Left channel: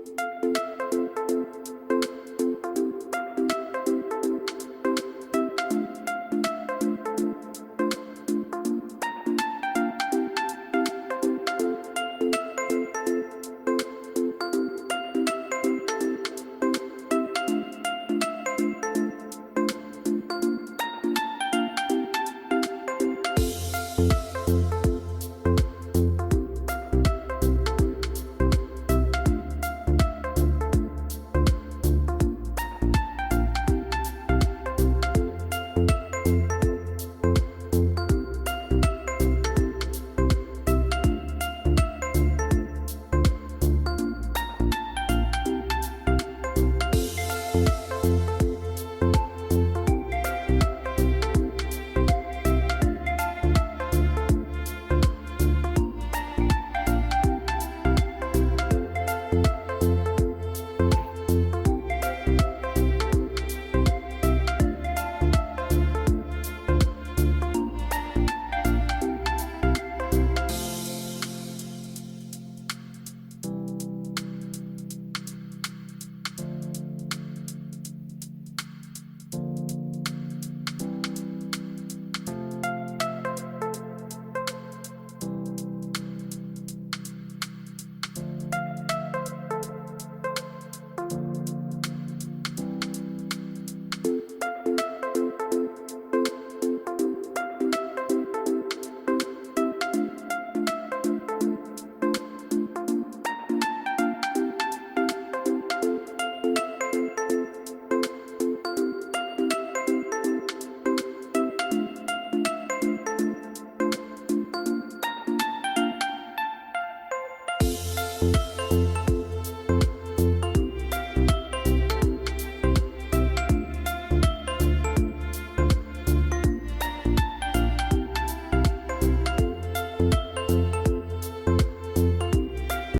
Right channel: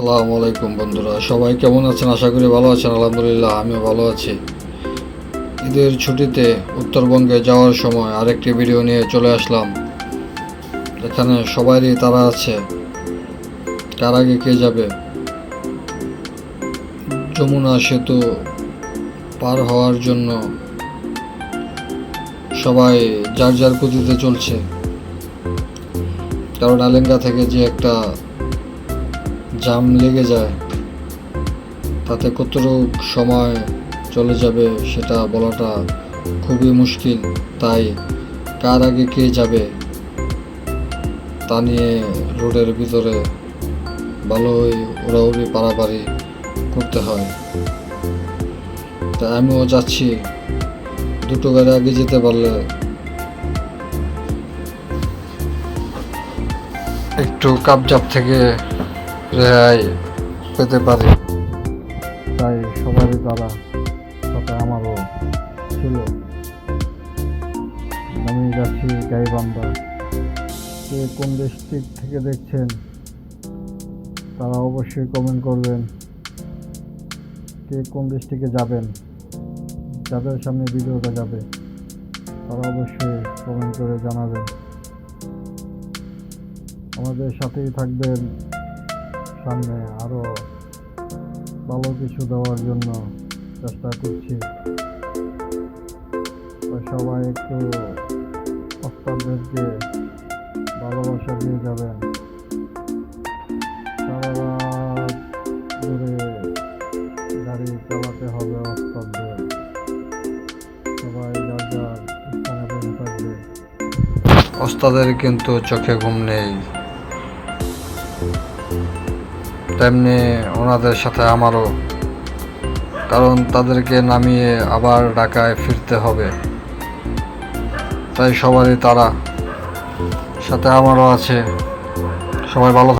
আসসালামু আলাইকুম বন্ধুরা, সবাই কেমন আছেন? আশা করি ভালো আছেন। আলহামদুলিল্লাহ, আমিও ভালো আছি। ঈদের ছুটিতে উত্তরবঙ্গে যাওয়ার সময় আরেকটি ভিডিও নিয়ে চলে আসলাম। এখানে সবারই তারা আছে, কার আগে কে যাবে। যমুনা সেতু পার হওয়ার জন্য সবাই যার যার গতিতে চলছে, কারণ আলেঙ্গা থেকে যে একটা জাম লেগে যায়, তাতে কতটুকু সময় চলে যাবে সেটা বলাটা খুবই মুশকিল। তাই কার আগে কে যাবে তা নিয়ে রোডের ভিতরে ভালোই উড়াউড়ি পারাপারি করতে হয়। তাই আমিও যাচ্ছি, দুটো গাড়ি আগে যেতে পারলে একটু কাপজাপ থেকে রেহাই পেতে পারি। তাই সবারই দ্বারা সাথে আমারও ছিল। আমি যাচ্ছি গাইবান্ধা। কে কোন ডিস্ট্রিক্ট থেকে দেখছেন তারা অবশ্যই কমেন্ট করবেন। কে কোন ডিস্ট্রিক্টে যাবেন, যাদের সামনে ভিডিওটা যাবে তারা অবশ্যই কমেন্ট করে জানাবেন। আমাদের সাথেই থাকবেন, সামনে আরও ভালো কিছু দেওয়ার জন্য চেষ্টা করছি। সবাই একটু ভক্তদেরকে ভালোবাসা দিয়ে যাবেন। সারা রাত ধরে গাড়ি চালাতে হবে ভক্তদের। সবাই যার যার স্থানে বসে থাকবে। ওস্তাদের কিন্তু চোখে ঘুম নেই, তেমনি ওনাদের সাথে আমারও, কারণ তাদেরকে নামিয়ে আবার ঢাকায় ফিরতে হবে। তাই সবারই তারা, সাথে আমারও আছে। সবাই ভালো